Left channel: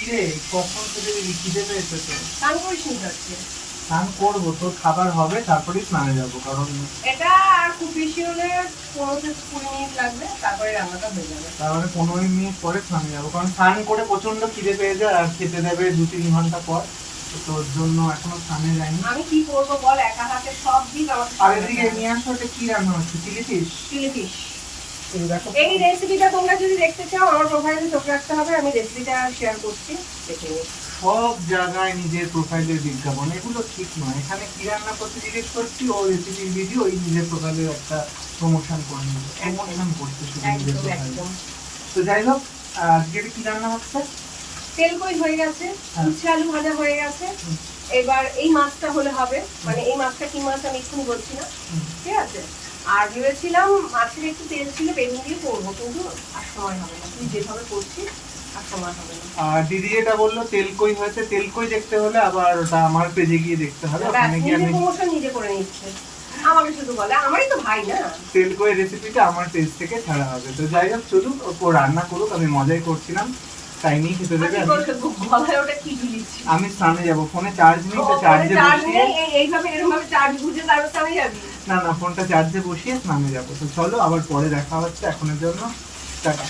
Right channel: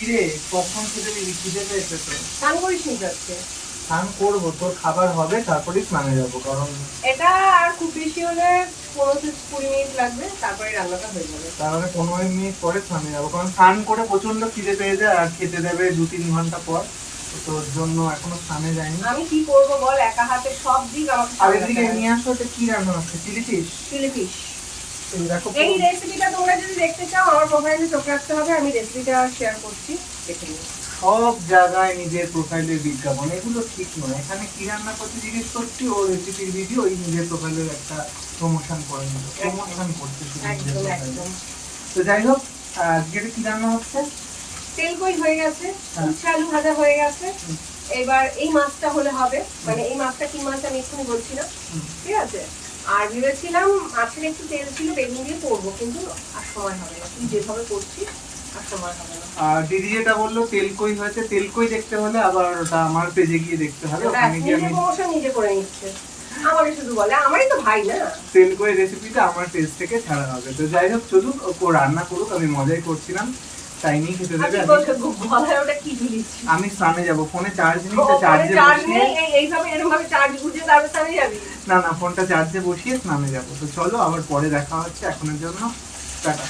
কিরে কখন খেতে দিবি? খিদে পেয়েছে তো। স্নান করিস নি আজকে? স্নান করবো, তোর খাবার হবে তারপরেই স্নানে যাবো, কারণ এটা আর খুব বেশি হলে 15-20 মিনিট লাগবে, তারপরে রান্নাটা হয়ে যাবে। তার মানে 15 মিনিট পরে স্নানে যাবো, কারণ স্নান করে প্রচন্ড খিদে পেয়ে যায় আর খেতে দেবে 2-3 ঘন্টা পর। তো তোর জন্য এখনো স্নানে যাইনি। আমি কি করবো বল, একা হাতে সব দিক আমাকে আর এদিকে নিয়ে আসো, এটা কি রান্না হচ্ছে? Chilli fish. Chilli fish. এই দেখো, এই রেসিপিটা তোমরা যদি দেখতে চাও আমার প্রোফাইলে চোখ রাখতে হবে, আমি রেসিপিটা শেয়ার করছি, দেখে নিও। সব জায়গায় নিজের প্রোফাইলের বিজ্ঞাপন, এগুলো ঠিক নয়। এখানে কি রান্না করতে জিজ্ঞেস করছি, ও রেসিপির ভিডিও, ওই নিজের প্রোফাইলের একটা প্রমোশন করে নিল, প্রমোশন করতে শুধু নিজের একদম প্রোফাইলে। একদম। তো যাই হোক, আজকে এটা কি রান্না হচ্ছে? তেল কই হয়ে গেছে, হ্যাঁ। উচ্ছে আলু ভাজা হয়ে গেছে। এবার এই মাছটা হলে হবে, মানে এই মাছটা কি মাছ আমি এক্ষুনি বলছি না, ঠিক আছে? আর ভেবেছিলাম মাছের একটু তেল ছিল, বেগুন দিয়ে করবো, কিন্তু আর সময় হবে না, তুই যেভাবে করছিস আর সময় হবে না। আর দিদি যেটা বললো তেলকই হয়েছে, তেলকই দেখতে হলে আবার ওটা আমার পেজে গিয়ে দেখতে হবে, ওখানে গিয়ে নিজে আমি প্রমোশন নিজে করে নিচ্ছে, আমাকে শুধু বলে, আমারই তো ভাই না। তেলকই রেসিপিটা আমার পেজ থেকে ছাড়া হবে। তো যাই হোক, চলুক, ও রান্না করুক, আমি মজাই করছিলাম, টাইমেই খেতে দেবে। ওটা কি ঝুলিয়েছি? আমি স্নানে যাবো, ফোনে চার্জ নেই, তো চার্জে বসিয়ে, এইভাবে এরকম ভাবে চার্জ বুঝে তারপর স্নানে যাবি? না না, ফোনটা চার্জে বসিয়ে স্নানে যাবো। তো চলো, আবার পরে দেখা হচ্ছে, এখনের জন্য টাটা।